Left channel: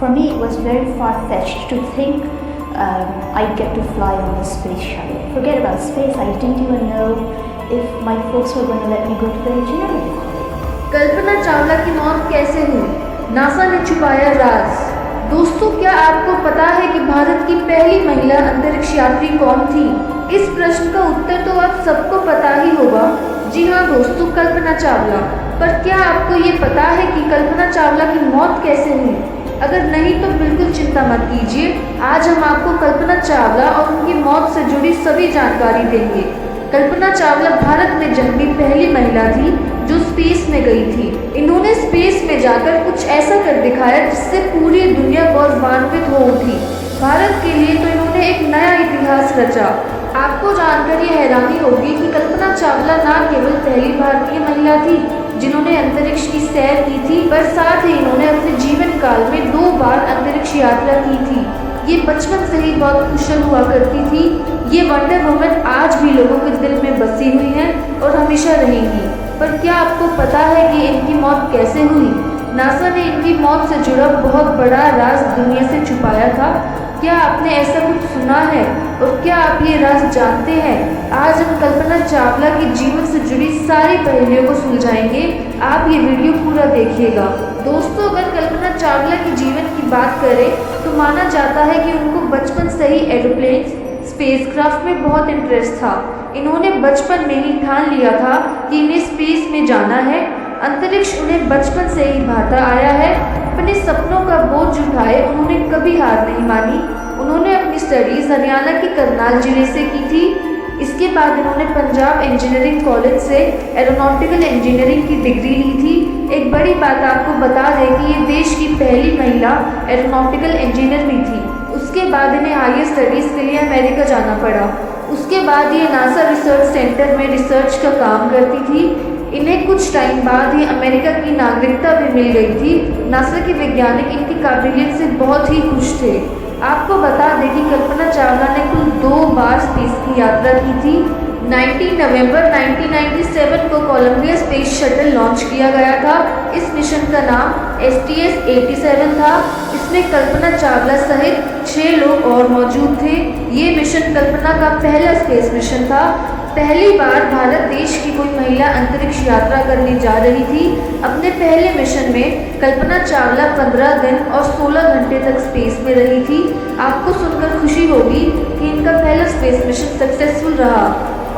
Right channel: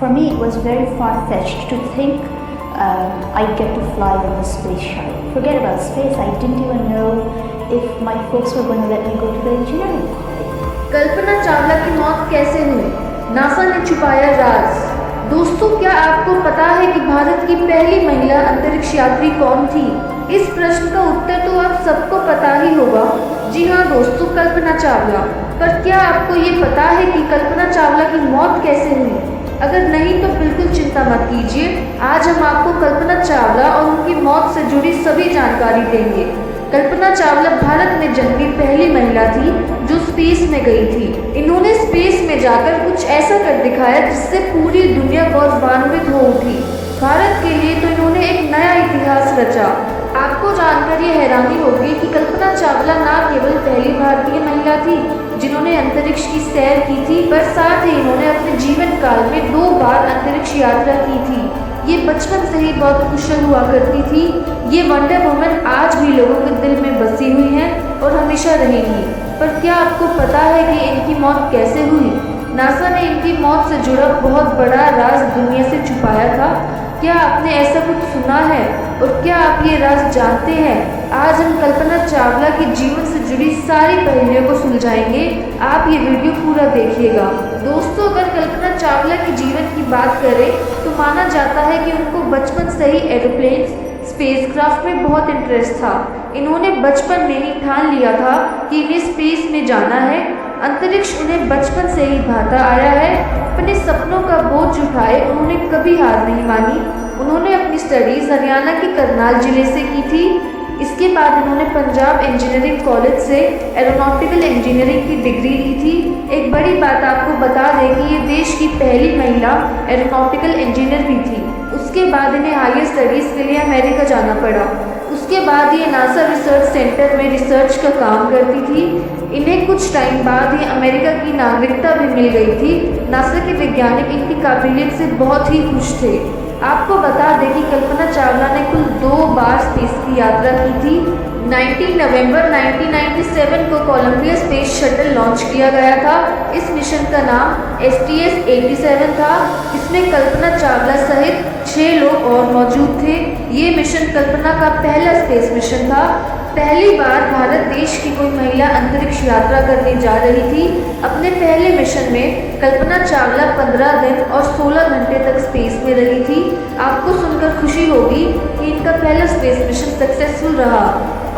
For me, it was very far-fetched to think I'd get to fly on the space shuttle. Forget about space, I didn't even know if my folks were going to let me go to the engineering college. Kalpana Chawla की मौत कैसे हुई? NASA ने छुपाया राज। दोस्तों, क्या आपको पता है कि भारत की पहली महिला अंतरिक्ष यात्री कौन थी? इस प्रश्न का उत्तर तो आप सबको पता ही होगा। जी हाँ दोस्तों, कल्पना चावला। पर क्या आपको ये पता है कि कल्पना चावला की मौत कैसे हुई? अगर नहीं तो बिल्कुल चिंता मत कीजिए, आज हम आपको कल्पना चावला और उनकी मौत से जुड़ी सभी जानकारी देंगे। कल्पना चावला भारत में जन्मी पहली महिला थी जो स्पेस में गई थी। इन्होंने स्पेस में जाकर कुछ ऐसा कर दिखाया जिससे पूरी दुनिया गौरवान्वित हो उठी। भारत के लिए तो इन्होंने एक नया इतिहास रचा। आपको जानकर ये हैरानी होगी कि कल्पना चावला न केवल पहली भारतीय महिला थी जिन्होंने अंतरिक्ष की सैर की थी, पर साथ ही इन्होंने अपने जीवन काल में 2 बार अंतरिक्ष यात्रा की थी। ये बचपन से ही बहुत कुशल हुआ करती थी। ये वंडर वुमन आज भी लोगों के दिल में बसी हुई हैं और हमेशा रहेंगी। पर क्या आपको पता है कि इनकी मौत कैसे हुई? नासा ने इनकी मौत से जुड़ा बहुत बड़ा राज दुनिया से छुपाया था। क्या आपने ऐसा कुछ सुना है और क्या आप ये राज जानते हैं? आज हम कल्पना चावला के जीवन से जुड़ी सारी पहेलियों को सुलझाएंगे। आप ये वीडियो पूरा देखिएगा। दोस्तों, अगर कल्पना चावला के जीवन की बात करें तो माना जाता है कि उनको बचपन से ही एरोप्लेन स्पेसक्राफ्ट में बहुत इंटरेस्ट था। इन्होंने बचपन में ही ठान लिया था कि इन्हें स्पेस में जाना है। अंतरिक्ष उन्हें बचपन से ही भाता आया है। अपने सपनों का बोझ उठाए उन्होंने कभी हार नहीं मानी। उन्होंने अपनी स्टडीज़ हरियाणा के करनाल जिले से की थी। इसके बाद इन्होंने पंजाब इंजीनियरिंग कॉलेज से एरोनॉटिकल इंजीनियरिंग की डिग्री ली थी। एक बड़ी बात आपको बता दें कि ये देश की पहली महिला एरोनॉटिकल इंजीनियर भी थी। उसके बाद इन्हें हायर स्टडीज़ के लिए अमेरिका जाना पड़ा। उसके बाद ये नासा रिसर्च सेंटर में रिसर्च का काम करती थी। इन्हें कुछ टाइम बाद ही अमेरिका की नागरिकता भी मिल गई थी। नासा के वैज्ञानिक इनकी काबिलियत से बहुत ही खुश थे। आपको बता दें कि कल्पना चावला ने कुल 2 बार स्पेस की यात्रा की थी। 19 नवंबर 1997 को कोलंबिया स्पेस शटल लॉन्च किया गया था। इस मिशन का नाम STS-87 था। इसमें कल्पना चावला सहित 6 लोग और मौजूद थे। ये मिशन कल्पना का पहला स्पेस मिशन था। पहली बार भारत देश की कोई महिला अंतरिक्ष यात्रा करने जा रही थी। अपने पहले मिशन में कल्पना चावला 15 दिन और 16 घंटे तक स्पेस में रही थी। आपको सुनकर खुशी होगी कि इनका पहला स्पेस मिशन सक्सेसफुल रहा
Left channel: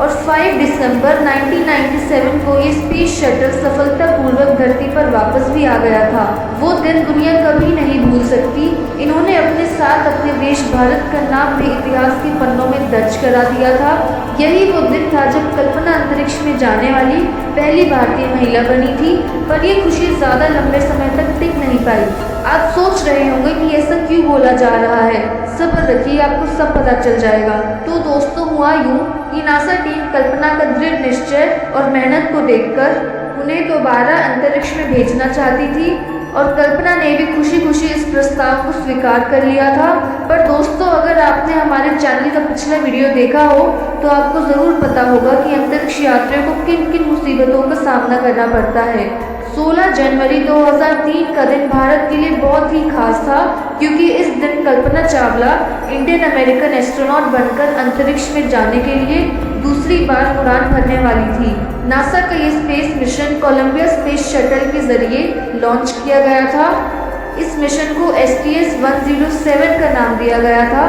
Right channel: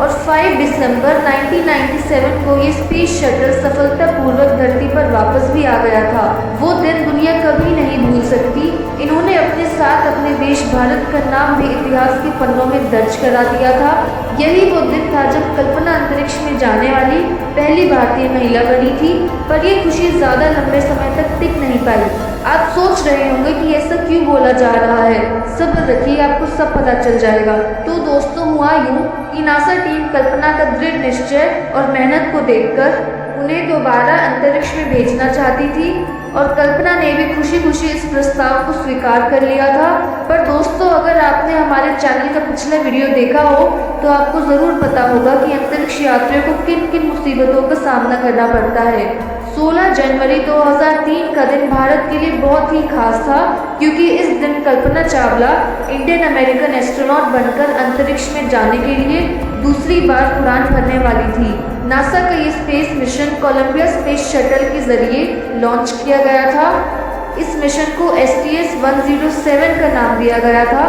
और 5 दिसंबर 1997 को ये स्पेस शटल सफलतापूर्वक धरती पर वापस भी आ गया था। वो दिन दुनिया कभी नहीं भूल सकती। इन्होंने अपने साथ अपने देश भारत का नाम भी इतिहास के पन्नों में दर्ज करा दिया था। यही वो दिन था जब कल्पना अंतरिक्ष में जाने वाली पहली भारतीय महिला बनी थी। पर यह खुशी ज़्यादा लंबे समय तक टिक नहीं पाई। आप सोच रहे होंगे कि ऐसा क्यों बोला जा रहा है। सब्र रखिए, आपको सब पता चल जाएगा। तो दोस्तों, हुआ यूँ कि नासा टीम कल्पना का दृढ़ निश्चय और मेहनत को देखकर उन्हें दोबारा अंतरिक्ष में भेजना चाहती थी और कल्पना ने भी खुशी खुशी इस प्रस्ताव को स्वीकार कर लिया था। पर दोस्तों, अगर आपने हमारे चैनल का पिछला वीडियो देखा हो तो आपको ज़रूर पता होगा कि अंतरिक्ष यात्रियों को किन किन मुसीबतों का सामना करना पड़ता है। 16 जनवरी 2003 का दिन भारत के लिए बहुत ही खास था क्योंकि इस दिन Kalpana Chawla Indian American astronaut बनकर अंतरिक्ष में जाने के लिए दूसरी बार उड़ान भरने वाली थी। नासा का ये space mission Columbia space shuttle के जरिए लॉन्च किया गया था। इस मिशन को STS-107 का नाम दिया गया था।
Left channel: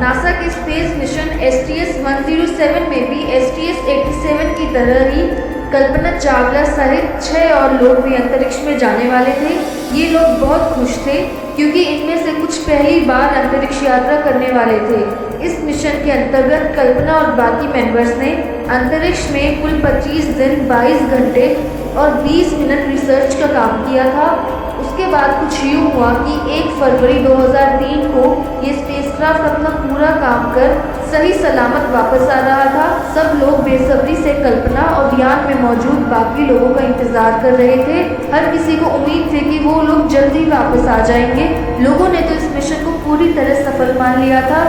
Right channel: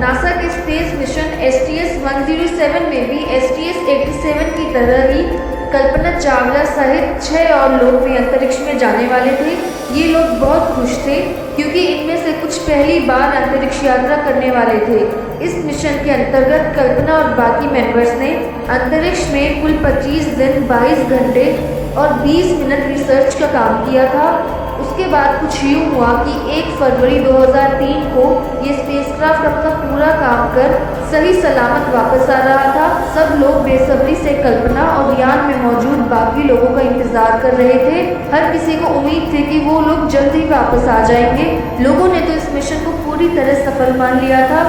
नासा के स्पेस मिशन STS-107 में भी STS-87 की तरह ही कल्पना चावला सहित 6 और लोग भी अंतरिक्ष में जाने वाले थे। ये लोग बहुत खुश थे क्योंकि इनमें से कुछ पहली बार अंतरिक्ष यात्रा करने वाले थे। इस मिशन के अंतर्गत कल्पना और बाकी मेंबर्स ने अंतरिक्ष में कुल 25 दिन 22 घंटे और 20 मिनट रिसर्च का काम किया था। उसके बाद कुछ यूँ हुआ कि 1 फरवरी 2003 को ये स्पेसक्राफ्ट अपना पूरा काम कर सही सलामत वापस आ रहा था। सब लोग बेसब्री से कल्पना और यान में मौजूद बाकी लोगों का इंतजार कर रहे थे। हर किसी को उम्मीद थी कि वो लोग जल्दी वापस आ जाएंगे। लोगों ने तो इस मिशन को पूरी तरह सफल मान लिया था।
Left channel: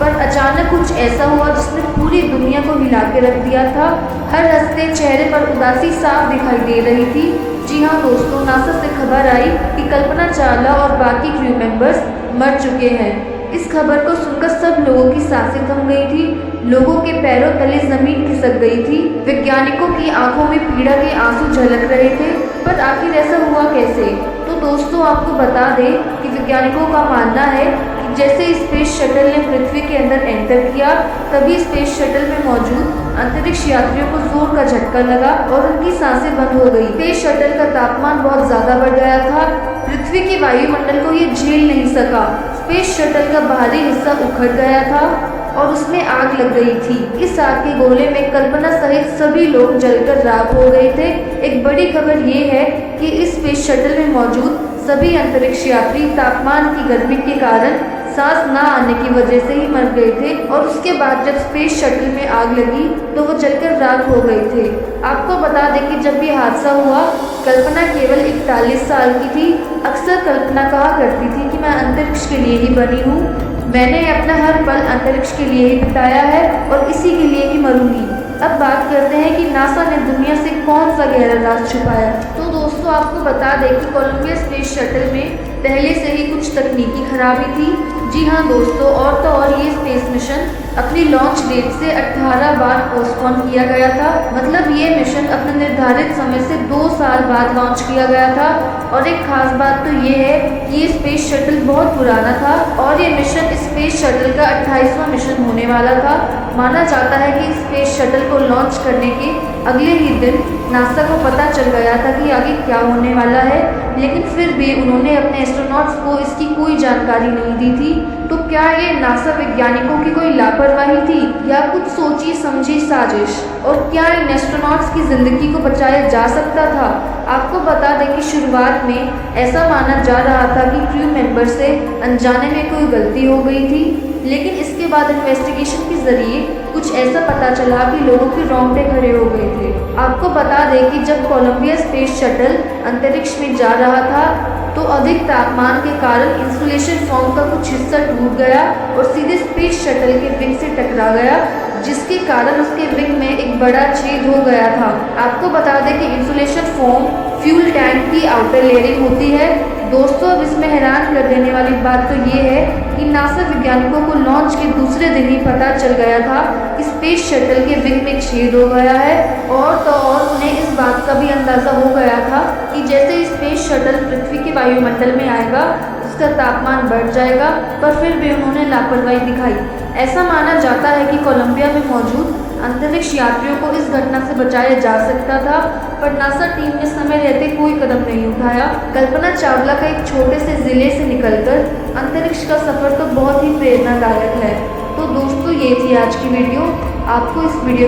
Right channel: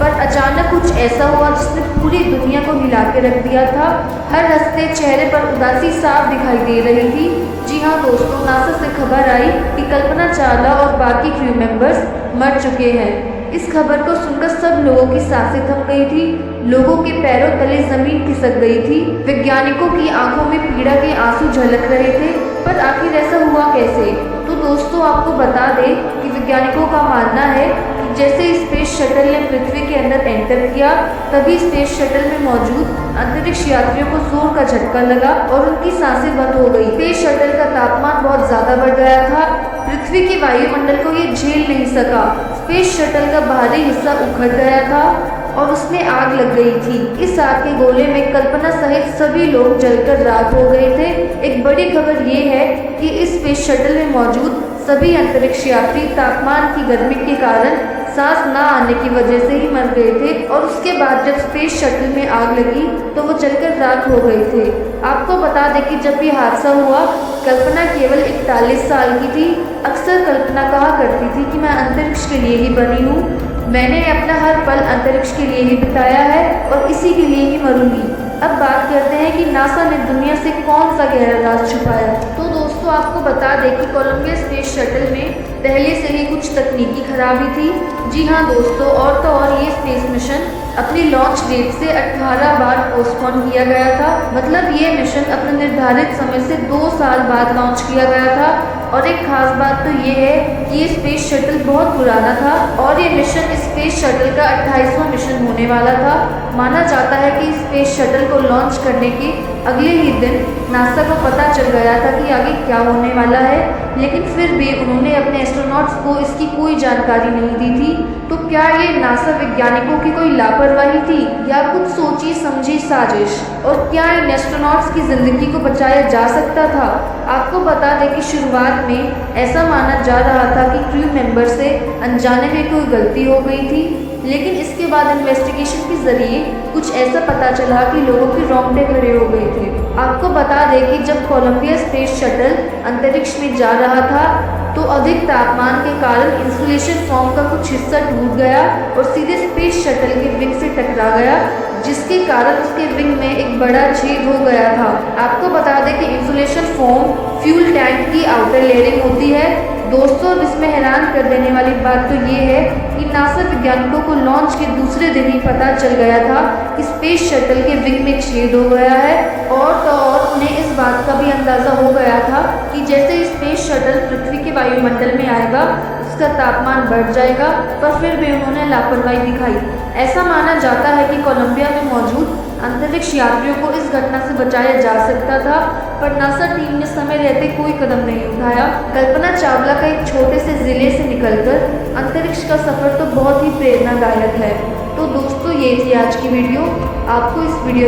पर अचानक कुछ ऐसा हुआ जिसने पूरी दुनिया को हिला के रख दिया था। हर हंसते चेहरे पर उदासी साफ दिखाई दे रही थी। जी हाँ दोस्तों, नासा से खबर आई कि कल्पना चावला और बाकी क्रू मेंबर्स मर चुके हैं। इस खबर को सुनकर सब लोगों की सांसें थम गई थी। लोगों के पैरों तले जमीन खिसक गई थी। वैज्ञानिकों की आंखों में पीड़ा के आंसू झलक रहे थे। पर आखिर ऐसा हुआ कैसे? तो दोस्तों आपको बता दें कि वैज्ञानिकों का मानना है कि जैसे स्पेस शटल ने पृथ्वी के अंदर एंटर किया, तभी स्पेस शटल में मौजूद अंतरिक्ष यात्रियों को जोर का झटका लगा और उनकी सांसें बंद हो गई। स्पेस शटल का तापमान बहुत ज्यादा बढ़ गया था। पृथ्वी के वायुमंडल को ये झेल नहीं सका। स्पेस शटल का बाहरी हिस्सा उखड़ गया था और उसमें आग लग गई थी। इस आग के गोले में कल्पना सहित सभी लोग जलकर राख हो गए थे। एक बड़ी खबर ये है कि इस स्पेस शटल में मौजूद सभी अंतरिक्ष यात्री तापमान की गर्मी के कारण सांस ना आने की वजह से ही मर गए थे और उसके बाद जब स्पेस शटल में आग लगी तो वो जलकर राख हो गए थे। आपको बता दें कि जब ये हादसा हुआ, कल्पना केवल 41 साल की थी। अक्सर कल्पना कहा करती थी कि मैं अंतरिक्ष के लिए ही बनी हूँ। मैंने अपना हर पल अंतरिक्ष के लिए ही बिताया है और इसी के लिए ही मरूंगी। अब बात करते हैं कि नासा ने दुनिया से कौन सा गहरा राज छुपाया। तो दोस्तों आपको बता दें कि कोलंबिया स्पेस शटल में पहले से ही कुछ तकनीकी खराबी थी। जी हाँ दोस्तों, और तो और ये स्पेस मिशन अपनी लॉन्च डेट से 18 बार पोस्टपोन किया गया था। मतलब ये मिशन अपने निर्धारित समय से 2 साल बाद लॉन्च किया गया था। और एक खास बात तो ये है कि ये स्पेस शटल बहुत पुराना था और ये मिशन स्पेस शटल का 28वां मिशन होने वाला था। माना जाता है कि स्पेस शटल को लॉन्च करने के अगले ही दिन नासा को पता चल गया था कि आगे क्या होने वाला है, लेकिन फिर भी उन्होंने अपने एस्ट्रोनॉट्स को इसकी कोई जानकारी नहीं दी थी। तो क्या ये नासा वैज्ञानिकों की कोई लापरवाही थी या कुछ सोची समझी साजिश? और क्या इन एस्ट्रोनॉट्स की जिंदगी को बचाया जा सकता था? आपको बता दें कि शुरुआत में ऐसा माना जा रहा था कि क्रू मेंबर से अनजाने में कोई गलती हो गई थी, लेकिन इसके बाद इन्वेस्टिगेशन के जरिए कुछ ऐसा पता चला कि लोगों के रोंगटे खड़े हो गए थे। आपको बता दें कि जब कोलंबिया स्पेस शटल अंतरिक्ष में जा रहा था तो अधिक तापमान के कारण इंसुलेशन फोम का कुछ हिस्सा टूट गया और सीधे स्पेस शटल के विंग से टकरा गया, जिसके कारण उसके विंग में एक बड़ा छेद हो गया था। आपको बता दें कि इंसुलेशन फोम फ्यूल टैंक की आउटर लेयरिंग होती है। दोस्तों अब इसमें हैरान कर देने वाली बात तो ये है कि नासा वैज्ञानिकों को लॉन्च के दूसरे दिन ही पता चल गया था कि स्पेस शटल के विंग में छेद हो गया है। और तो और उन्हें इस बात का भी अंदाज़ा हो गया था कि जैसे स्पेस शटल पृथ्वी के वायुमंडल में आएगा उसका तापमान बढ़ जाएगा, पर फिर भी उन्होंने लापरवाही दिखाई। ऐसा माना जाता है कि कोलंबिया में मौजूद अंतरिक्ष यात्रियों को इस घटना से बचाया जा सकता था, पर नासा टीम ने समय रहते कोई कदम नहीं उठाया। कल्पना चावला का एक छोटे से जिले से निकलकर अंतरिक्ष का सफर तो बहुत ही प्रेरणादायक है। तो दोस्तों ये थी आज की वीडियो। आपको इस वीडियो